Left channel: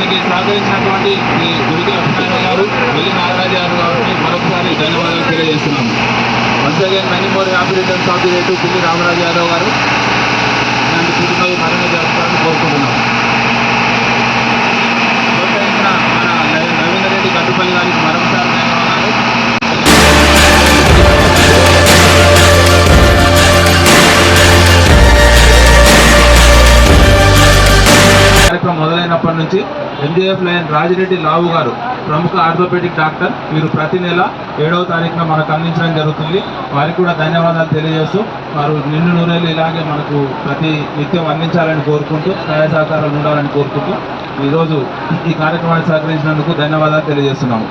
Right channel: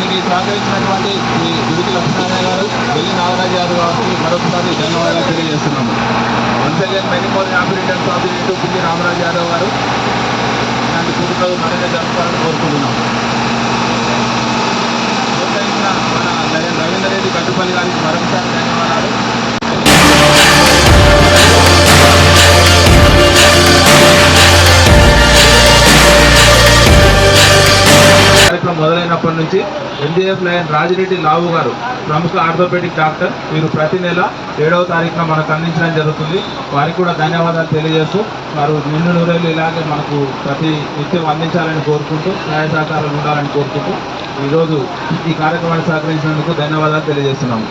దీనికి సహకరించినటువంటి శ్రీ గురికి లక్ష్మీనారాయణ గారు, వెల్లి నాగరాజు గారు గారికి మరొకసారి ధన్యవాదాలు తెలియజేస్తున్నాము. Once again many more happy returns of the day to పిల్లి రామరాజు యాదవ్ గారు. ఇలాంటి పూర్తిగా మరింత జరపాలని కోరుకుంటున్నాం. ప్రోత్సహించిన మన రవీంద్ర రెడ్డి గట్టుపల్లి గారికి మరొకసారి ధన్యవాదాలు. కార్యక్రమం మొదలైనప్పటి నుంచి MJF లయన్ రాజిరెడ్డి లావు గారు, ప్రముఖ ఆర్థోపెడిక్ డాక్టర్, వీరు ప్రతి నెల 7వ తారీఖున మనకు అందించడం జరుగుతుంది. వారికి కూడా ధన్యవాదాలు తెలియజేస్తూ వారు నిన్ను నూరేళ్ళు ఇలాగే మనకు ప్రతి నిత్యం అందించాలని కోరుకుంటూ సహాయ సహకారం ఉండాలని కోరుకుంటూ ఈరోజు ఈ కార్యక్రమాన్ని సహకరించినందుకు ధన్యవాదాలు తెలియజేస్తున్నాము.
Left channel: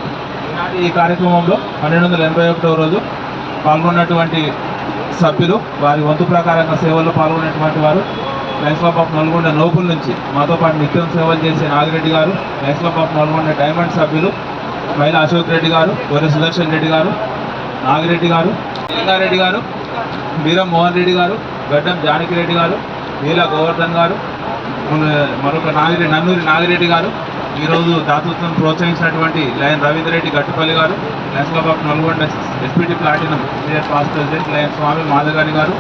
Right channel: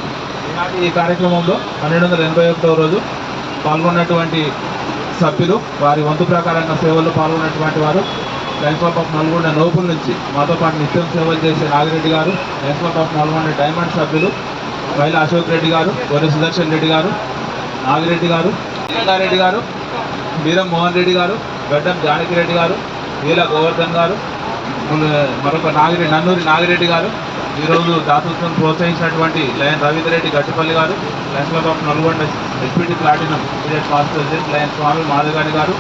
ఈ కార్యక్రమంలో 1281వ రోజు పాల్గొన్నటువంటి సభ్యులు, వారి వంతు ప్రకారంగా సేవల్లో పాల్గొన్నటువంటి వారు లయన్స్ క్లబ్ ఆఫ్ నల్గొండ నోపుల నుంచి మాతో పాటు నిత్యం సేవలు చేసే నాగిరెడ్డి గారు, Lions Club of Nalgonda diamond సభ్యులు మైల అశోక్ రెడ్డి గారు, గొర్రె సుదర్శన్ రెడ్డి గారు, నాగిరెడ్డి గారు, లింగారెడ్డి గారు, వీరం మోహన్ రెడ్డి గారు, గడ్డం జానకిరెడ్డి గారు, వీల గోవర్ధన్ గారు, మరొక నన్నూరి నాగిరెడ్డి గారు, ఈరోజు దాతృత్వం ప్రోత్సహించినటువంటి లయన్ రవీంద్ర రెడ్డి గట్టుపల్లి గారు, Lions Club of Nalgonda SPT platinum immediate past president lion Swamy Madhagari గారు,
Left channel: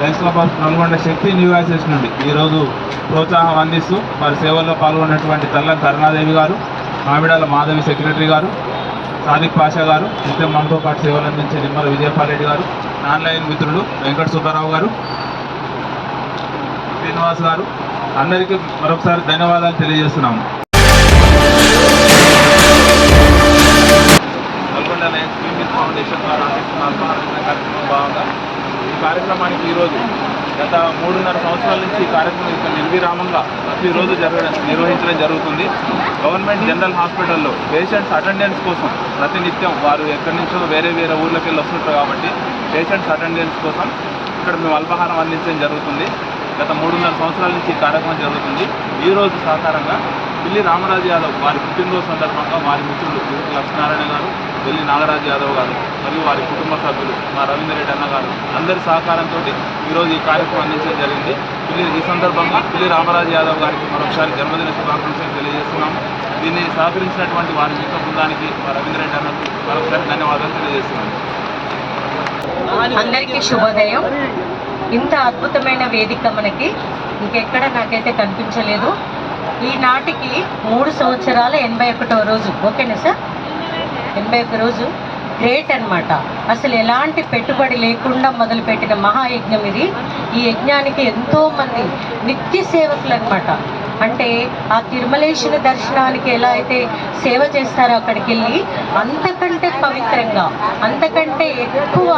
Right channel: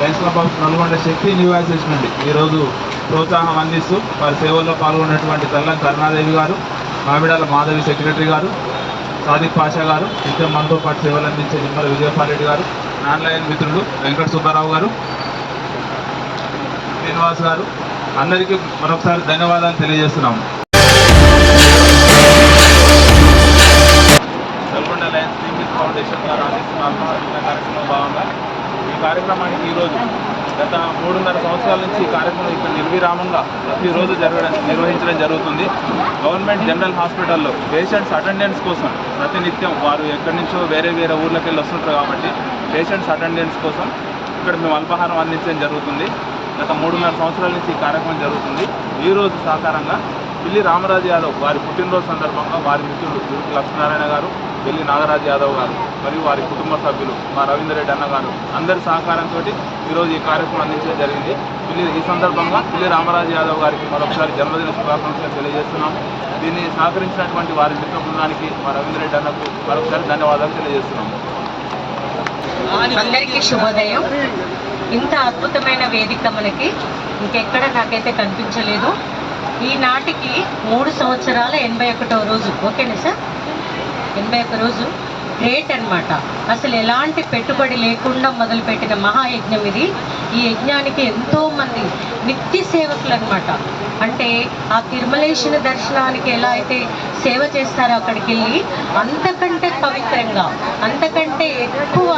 Lions Club of Nalgonda Shakti new voices నుండి ఈరోజు ప్రోత్సాహం అందిస్తూ వారి సేవల్లో పాల్గొన్నటువంటి కల్లం కరుణాదేవి గారు, మామిడాల మాధవి సెక్రటరీ గారు, సాదిక్ పాషా గారు, నిత్యం మనతో పాటు సేవలు అందించే నిమ్మల విజయపాల్ రెడ్డి గారు, నాన్ లయన్ మిత్రులు వెంకట సుబ్బారావు గారు, శ్రీనివాస్ గారు, అందరికీ మరొకసారి ధన్యవాదాలు తెలియజేస్తున్నాము. నల్గొండ లయన్స్ ఫీమేల్ ఫౌండేషన్ వారు అందిస్తున్న అల్పాహార కార్యక్రమం భాగంగా ఈ కార్యక్రమానికి ఈరోజు గత 3.5 సంవత్సరాల నుంచి ఈ కార్యక్రమం ఇక్కడ నిర్విరామంగా ప్రతిరోజు నిర్వహించడం జరుగుతుంది. గవర్నమెంట్ జనరల్ హాస్పిటల్లో పేషెంట్స్ అటెండెన్స్ కోసం ప్రతినిత్యం వారు ఎక్కడి నుంచో వేరే ఊర్లోకి వెళ్ళి వస్తుంటారు కాబట్టి పేషెంట్స్ అటెండెన్స్ కోసం ఇక్కడ మేము అల్పాహారం అందించడం జరుగుతుంది. గత 3.5 సంవత్సరాల నుంచి ఈ కార్యక్రమం జరుగుతుంది. ఈరోజు సహకారంగా పిల్లి రామరాజు యాదవ్ వారి పుట్టినరోజు సందర్భంగా వారి మిత్రులు గురికి లక్ష్మీనారాయణ గారు, వెల్లి నాగరాజు యాదవ్ గారు మరియు వారి కుటుంబ సభ్యులు మా రవీంద్ర రెడ్డి అన్న గారు అందరి సహకారంతో ఈరోజు ఈ కార్యక్రమం అందించడం జరిగింది. ఈ సందర్భంగా పిల్లి రామరాజు యాదవ్ గారికి మరొకసారి జన్మదిన శుభాకాంక్షలు తెలియజేస్తున్నాము. దీన్ని సహకరించినటువంటి వారి మిత్ర బృందానికి మా రవీంద్ర రెడ్డి అన్నకు మరొకసారి ధన్యవాదాలు తెలియజేస్తున్నాము. అందరికీ శుభోదయం. ఇంత అద్భుతమైన వేదిక మనకి ఇంకెక్కడ నాకైతే కనిపించలేదు. ఈనాటికి 3 సంవత్సరాల 81వ రోజు. ఓకేనా సార్? 81 రోజు గ్రేట్ అన్నమాట. అసలు ఎలాంటి పెట్టుబడి లేకుండా మొదలుపెట్టిన మహాయజ్ఞం ఇది. ఈ యజ్ఞానికి ఎంతోమంది నిత్య సేవకులు అన్నమాట. అంటే ఆ తిరుమలేశ్వర దర్శనానికి ఎలా అయితే సేవ చేస్తారో అక్కడికి వెళ్ళి అంతకంటే పవిత్రంగా, అంతకంటే ఎక్కువ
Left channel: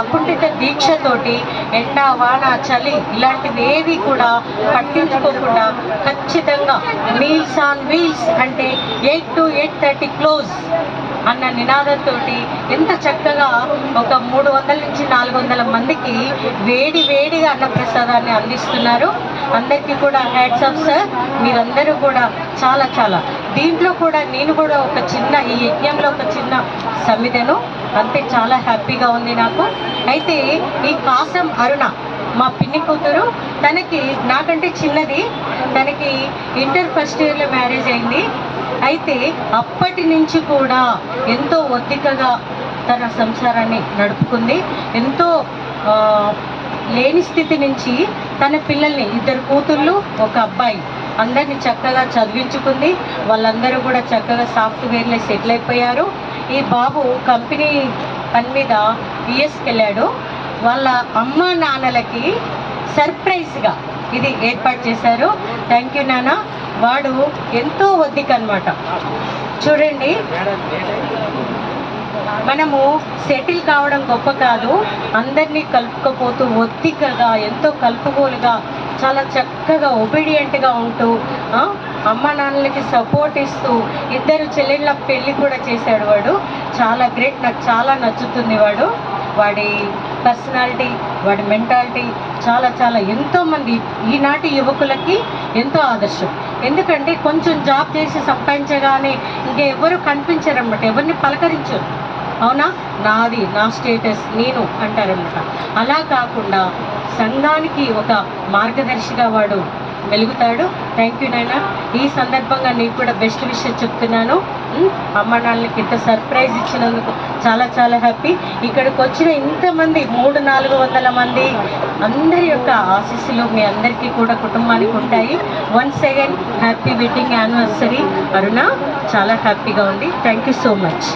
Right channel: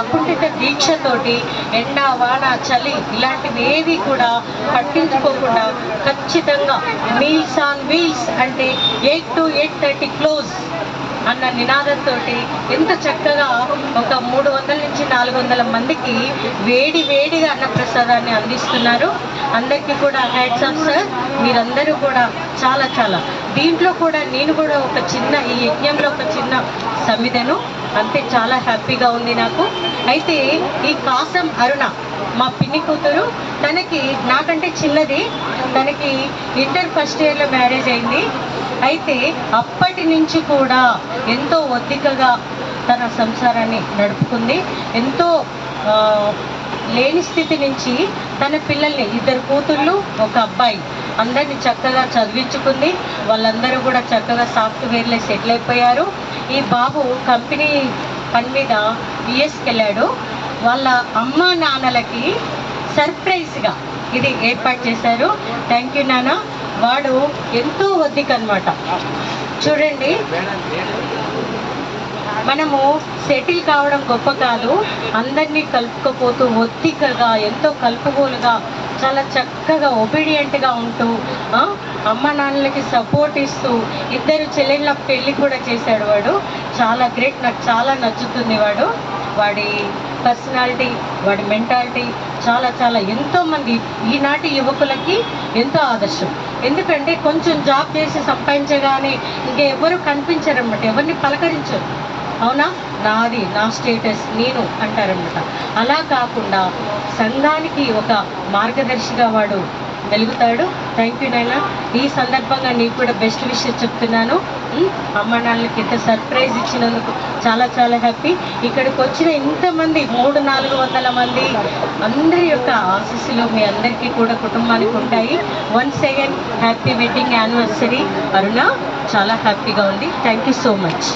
అకుంఠిత దీక్షతోటి ఎండ వాన చలి ఇలాంటివి ఏవి కూడా పట్టించుకోకుండా ఖచ్చితంగా మీల్స్ ఆన్ వీల్స్ అంటే 8 to 8:30 క్లోజ్ అన్న నినాదంతో ఎంత చక్కగా ఒక 300 నుంచి 400 మందికి వేడిగా అన్నప్రసాదాన్ని అందిస్తున్నారు. అందరికీ కూడా హ్యాట్స్ ఆఫ్ సార్. మీరందరూ కూడా చాలా దీంట్లో కూడా నేను కూడా ఈ యజ్ఞంలో ఒక చిన్న సమిధను అంతే. చాలా హ్యాపీగా ఉంది నాకు. అయితే ఈ కాసం అరుణ మా పిన్ని కూతురు, తనకి నాకంటే చిన్నది, తనకి ఇంటర్ ఫస్ట్ ఇయర్లో మ్యారేజ్ అయింది. అయితే అప్పటి నుంచి కూడా ఎంతో ఒద్దికగా తన సంసారాన్ని నడుపుకుంది. ఎంతో లేని స్థితి నుంచి తన పిల్లల్ని 2 కూతుళ్ళు 1 అబ్బాయి అందరినీ చక్కగా చదివించుకుంది. వాళ్ళందరూ కూడా చక్కగా సాఫ్ట్వేర్లో సెటిల్ అయిపోయారు. ఈ బాబు కంపెనీ పని మీద యుఎస్కి వెళ్ళాడు. వాళ్ళ అమ్మ నాన్నలకి సర్ప్రైజ్గా ఇది ఏర్పాటు చేశారు. థ్యాంక్ యూ నాన్న. వాడు ఎంతో ఒద్దిక అన్నమాట. చూడండి, మనము సెటిల్ కావడం గొప్ప కాదు, అందరినీ కలుపుకపోతూ ఒత్తికగా ఎంతో కలుపుగోలుగా చాలా చక్కగా ఒబీడియంట్గా ఉంటూ అమ్మ నాన్నలకి సపోర్ట్ ఇస్తూ 2 చెల్లెళ్ళ పెళ్ళి కూడా చేశాడు. వాడు చాలా గ్రేట్. నాకు చాలా నచ్చుతుంది వాడి పర్సనాలిటీ, వాడి మెంటాలిటీ చాలా ఎంతోమంది ఈనాటి యువకులకి ఎంతో ఆదర్శం. ఎందుకంటే కొంచెం జాబ్ చేసి సంపాదించగానే ఇంకెవరు కనిపించారన్నమాట, ఎవరిని పలకరించరు. అవునా, నాది నా స్టేటస్ నేను అంటారన్నమాట. అలా కాకుండా సంఘానికి ఒక మార్గదర్శిగా వాడు వెలుగుతాడు. థ్యాంక్ యూ నాయన. ఈ సందర్భంగా నీకు కూడా బెస్ట్ విషయం చెప్తున్నాను. అమ్మ నాన్నలకి ఇంత సర్ప్రైజ్ ఇచ్చినందుకు చాలా చాలా హ్యాపీ. ఇక్కడికి వచ్చిన ఇంతమంది 300-400 మంది అందరి యొక్క ఆశీస్సులు మీ అందరికీ కూడా కుటుంబానికి ఉంటాయి. Once again happy wedding anniversary Aruna. చాలా హ్యాపీగా ఉంది. Thank you so much.